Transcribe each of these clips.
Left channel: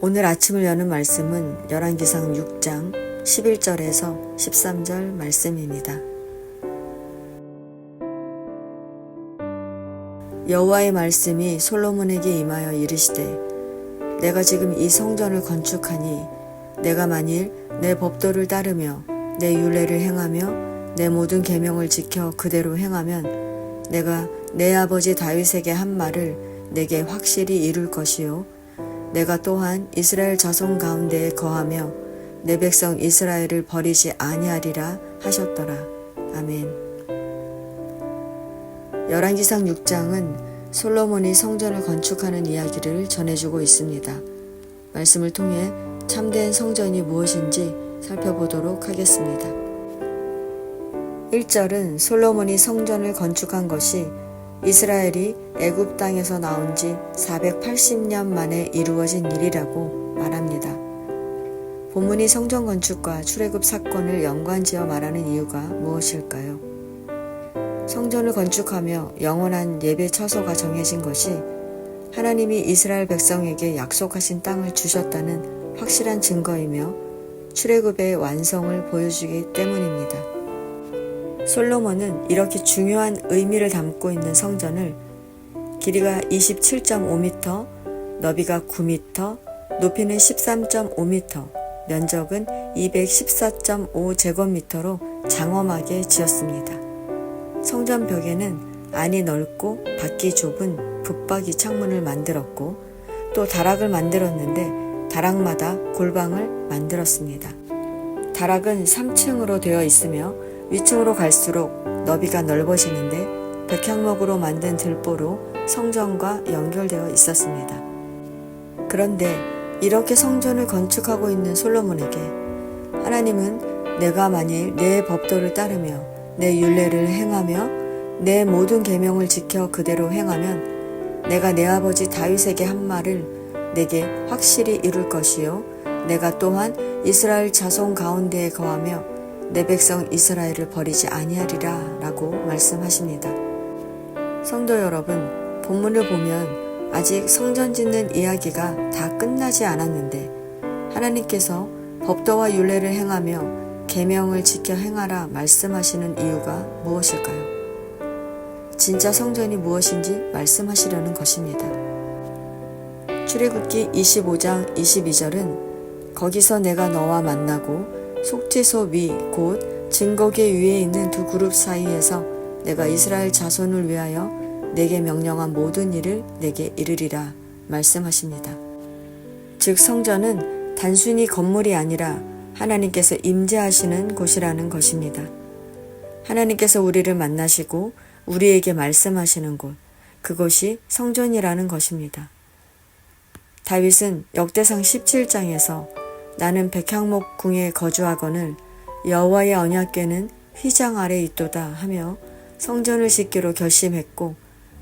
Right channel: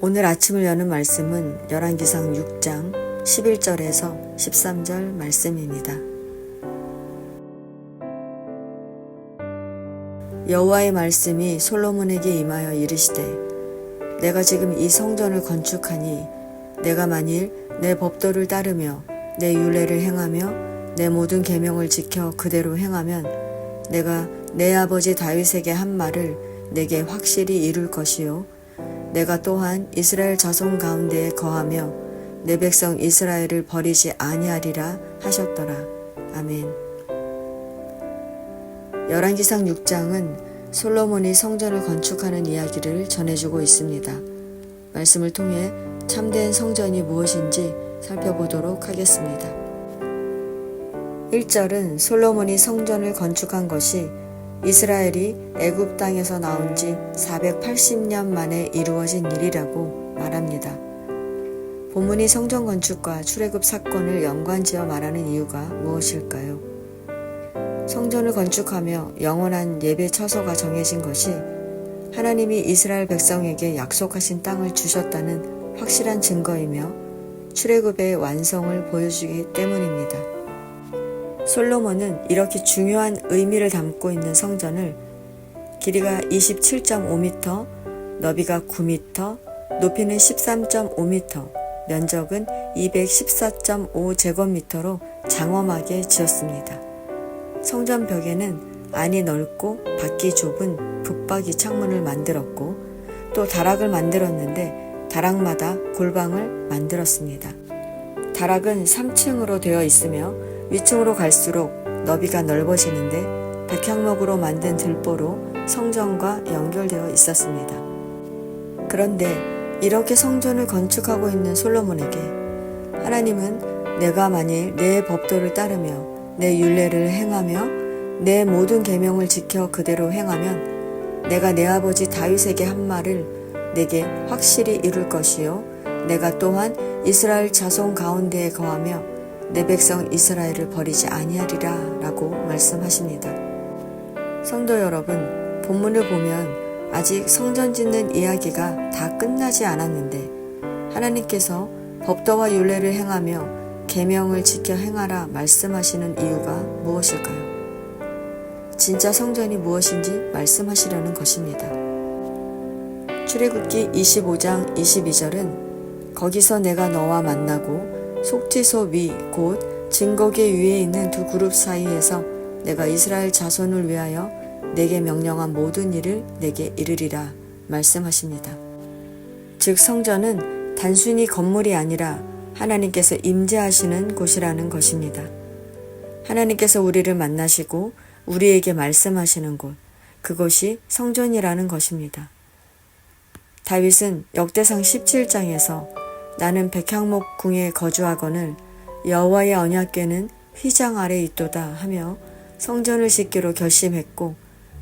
오늘 아침을 여는 말씀은 열왕기상 6장 11절에서 13절 말씀입니다. 여호와의 말씀이 솔로몬에게 임하여 이르시되 내가 지금 이 성전을 건축하니 내가 만일 내 법도를 따르며 내 율례를 행하며 내 모든 계명을 지켜 그대로 행하면 내가 내 아버지 다윗에게 한 말을 내게 확실히 이룰 것이요 내가 또한 이스라엘 자손 가운데에 거하며 내 백성 이스라엘을 버리지 아니하리라 하셨더라. 아멘. 열왕기상 6장은 솔로몬이 성전을 건축하는 이야기를 전해주고 있습니다. 말씀을 통해 참된 성전이 무엇인지 살펴보도록 하겠습니다. 1절은 솔로몬이 성전을 건축한 것이 이스라엘이 애굽 땅에서 나온 지 480년 만에 이루어진 일이라고 말합니다. 본문이 성전 건축과 출애굽 사건을 연관지어 말하는 이유가 무엇일까요? 성전을 건축하며 영원한 예배 처소가 정해진 것이 하나님이 이스라엘 백성에게 약속하신 땅을 주셨다는 확실한 증거이며 출애굽의 완성을 보여주기 때문입니다. 솔로몬은 이렇게 중요한 의미를 담고 있는 성전을 길이가 27.5m, 너비가 9m, 높이는 13.5m, 면적은 214.5제곱미터로 장엄하게 지었습니다. 성전 벽에는 안이 넓고 밖이 좁은 붙박이 창문을 만들었고 또 다락을 만들었는데 다락마다 골방을 만들었습니다. 다락은 3층으로 되어 있으며 위층으로 갈수록 너비가 넓어지는데 백향목으로 만든 들보로 성전과 연결되어 있었습니다. 그런데 이렇게 성전을 건축하고 있는 솔로몬에게 하나님은 내가 만일 내 법도를 따르며 내 율례를 행하며 내 모든 계명을 지켜 그대로 행하면 내가 내 아버지 다윗에게 한 말을 내게 확실히 이룰 것이요 내가 또한 이스라엘 자손 가운데에 거하며 내 백성 이스라엘을 버리지 아니하리라 라고 말씀하십니다. 성도 여러분, 본문을 보면 아직 성전 짓는 이야기가 다 끝나지 않았는데 하나님께서 법도와 율례를 행하며 계명을 지켜 행하라 말씀하시는 이유가 무엇일까요? 진짜 성전이 무엇인지 말씀하시려는 것입니다. 출애굽기 25장 22절은 거기서 내가 너와 만나고 속죄소 위 곧 증거계 위에 있는 두 그룹 사이에서 내가 이스라엘 자손을 위하여 내게 명령한 모든 일을 내게 이르리라 말씀하십니다. 즉 성전은 단순히 건물이 아니라 하나님께서 임재하시는 곳이라는 것입니다. 하나님께서 우리를 만나시고 우리에게 말씀하시는 곳, 그것이 성전이라는 것입니다. 다윗은 역대상 17장에서 나는 백향목 궁에 거주하거늘 여호와의 언약궤는 휘장 아래 있도다 하며 성전을 짓기로 결심했고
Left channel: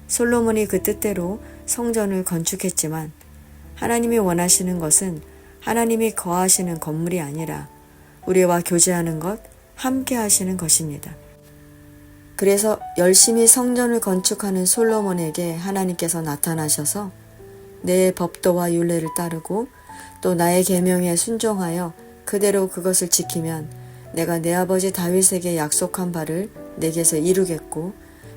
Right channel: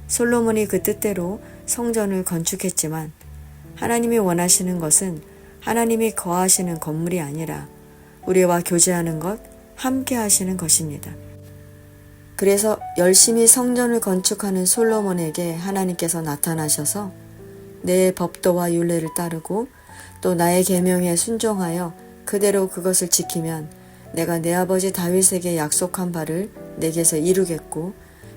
솔로몬이 그 뜻대로 성전을 건축했지만 하나님이 원하시는 것은 하나님이 거하시는 건물이 아니라 우리와 교제하는 것, 함께 하시는 것입니다. 그래서 열심히 성전을 건축하는 솔로몬에게 하나님께서 나타나셔서 내 법도와 율례를 따르고 또 나의 계명에 순종하여 그대로 그것을 지키면 내가 내 아버지 다윗에게 약속한 바를 내게서 이루겠고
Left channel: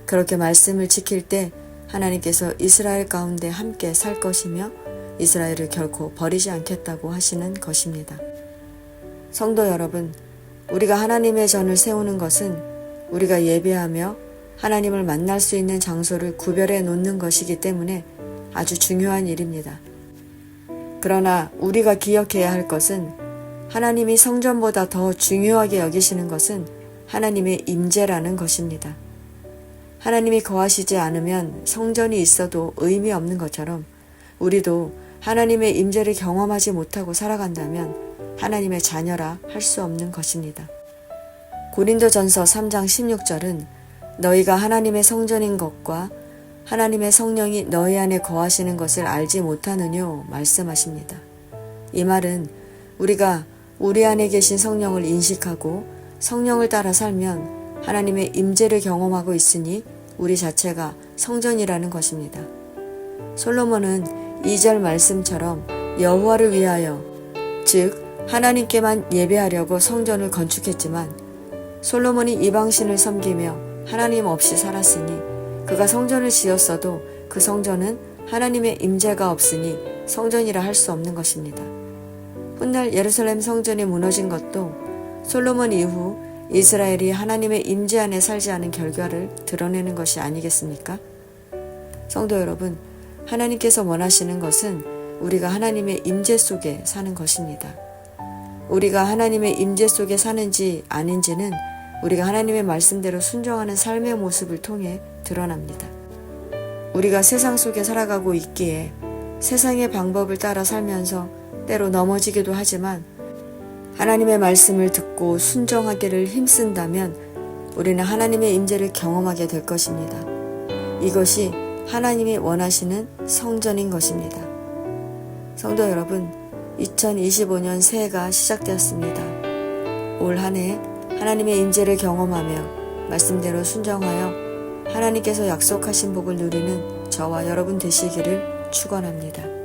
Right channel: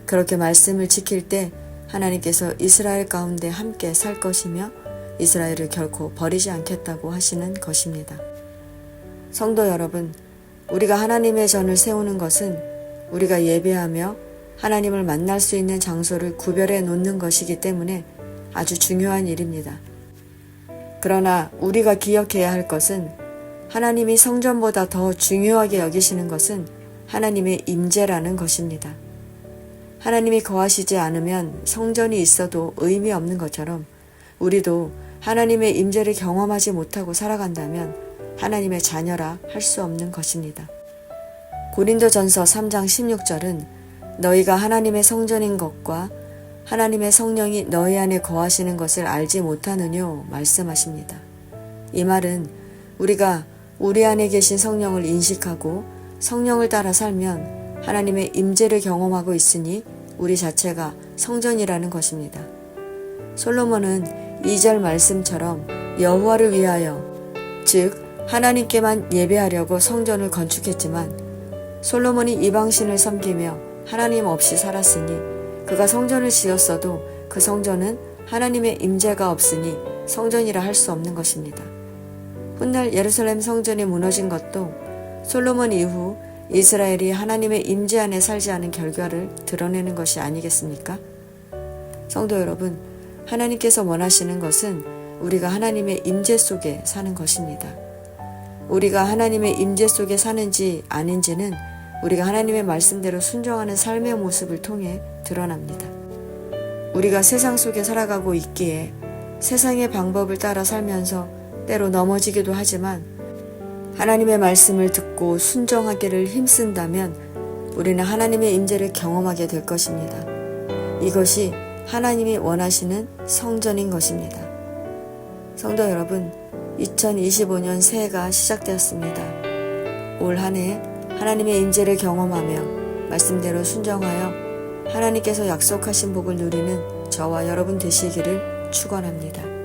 그렇게 말씀을 지킬 때 하나님께서 이스라엘 가운데 함께 살 것이며 이스라엘을 결코 버리지 않겠다고 하시는 것입니다. 성도 여러분, 우리가 하나님의 전을 세우는 것은 우리가 예배하며 하나님을 만날 수 있는 장소를 구별해 놓는 것이기 때문에 아주 중요한 일입니다. 그러나 우리가 기억해야 할 것은 하나님이 성전보다 더 중요하게 여기시는 것은 하나님의 임재라는 것입니다. 하나님이 거하시지 않으면 성전이 있어도 의미 없는 것처럼 우리도 하나님의 임재를 경험하지 못하고 살아간다면 하나님의 자녀라 할 수 없는 것입니다. 고린도전서 3장 16절은 너희가 하나님의 성전인 것과 하나님의 성령이 너희 안에 거하시는 것을 알지 못하느뇨 말씀하십니다. 이 말은 우리가 우리 안에 계신 성령을 인식하고 성령을 따라 살면 하나님의 임재를 경험하고 있으니 우리 자체가 성전이라는 것입니다. 솔로몬은 2절 말씀처럼 여호와를 위하여, 즉 하나님께만 예배하려고 성전을 건축했지만 솔로몬이 이방신을 섬기며 하나님 없이 살았으니 그가 성전을 지었어도 그 성전은 하나님의 임재가 없으니 성전이라 할 수 없는 것입니다. 훗날 예루살렘 성전이 무너진 것도 솔로몬 이후 이스라엘이 하나님의 임재 안에 살지 않은 결과를 드러내는 것이 아니겠습니까? 성도 여러분, 하나님께서 원하시는 것은 우리가 하나님의 임재 속에 사는 것입니다. 우리가 하나님의 임재 속에 사는지 아닌지는 우리가 하나님의 말씀대로 순종하는 삶의 모습을 통해 드러납니다. 우리가 세상 속에 살아가고 있기에 세상의 방법을 따라 살면서 때로 넘어지기도 하지만 하나님의 말씀을 듣고 순종하기를 힘쓴다면 우리는 하나님의 임재를 경험하게 될 것입니다. 이것이 하나님이 원하시는 성전인 것입니다. 성도 여러분, 2025년 새해가 시작되었습니다. 올 한 해 하나님의 임재를 경험하며 말씀대로 순종하여 하나님께서 약속하신 복을 누리는 저와 여러분 되시기를 축원합니다.